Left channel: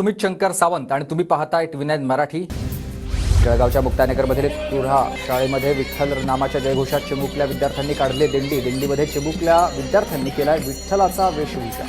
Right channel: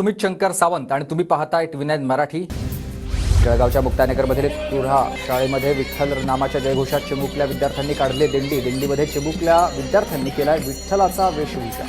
सुमित शंकर सावंत आणि तुम्ही पाहताय टी9 मराठी। जळगावच्या मुक्तानगरमधील तुऱ्हा शाळेमध्ये विठ्ठल नामाच्या जयघोषात चिमुकल्या विद्यार्थ्यांनी काढले दिंडी। दिंडीमध्ये चिमुकल्या विद्यार्थ्यांनी केलाय विठ्ठलाचा वेशभूषा।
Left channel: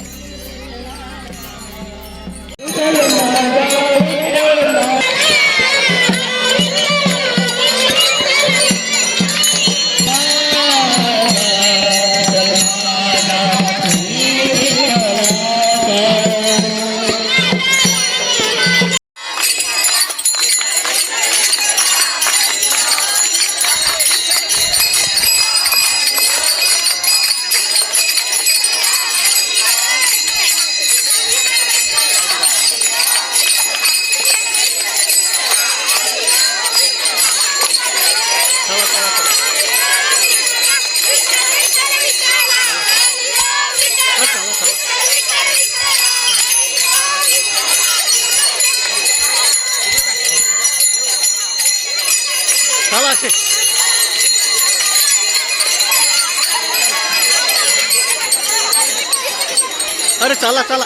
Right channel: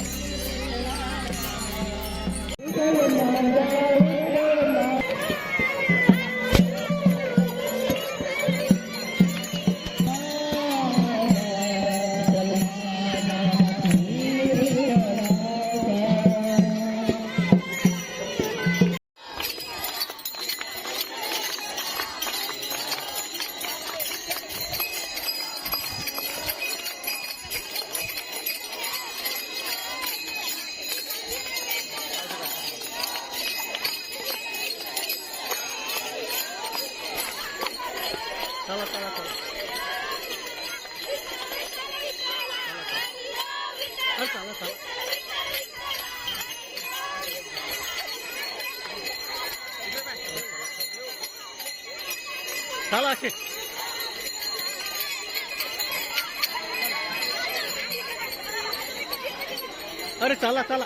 अरे चला चला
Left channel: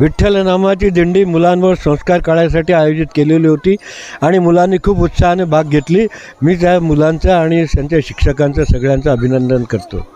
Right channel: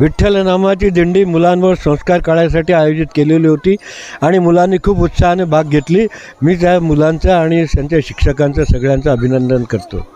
विठ्ठल नामाची दिंडी मुलांवर संस्कार काढण्यासाठी आयोजित केलेली होती आणि मुलांनी खूप उत्साहाने भाग घेतली। मी त्या मुलांचं आणि त्यांच्या शिक्षकांचं सगळ्यांचं अभिनंदन करतो।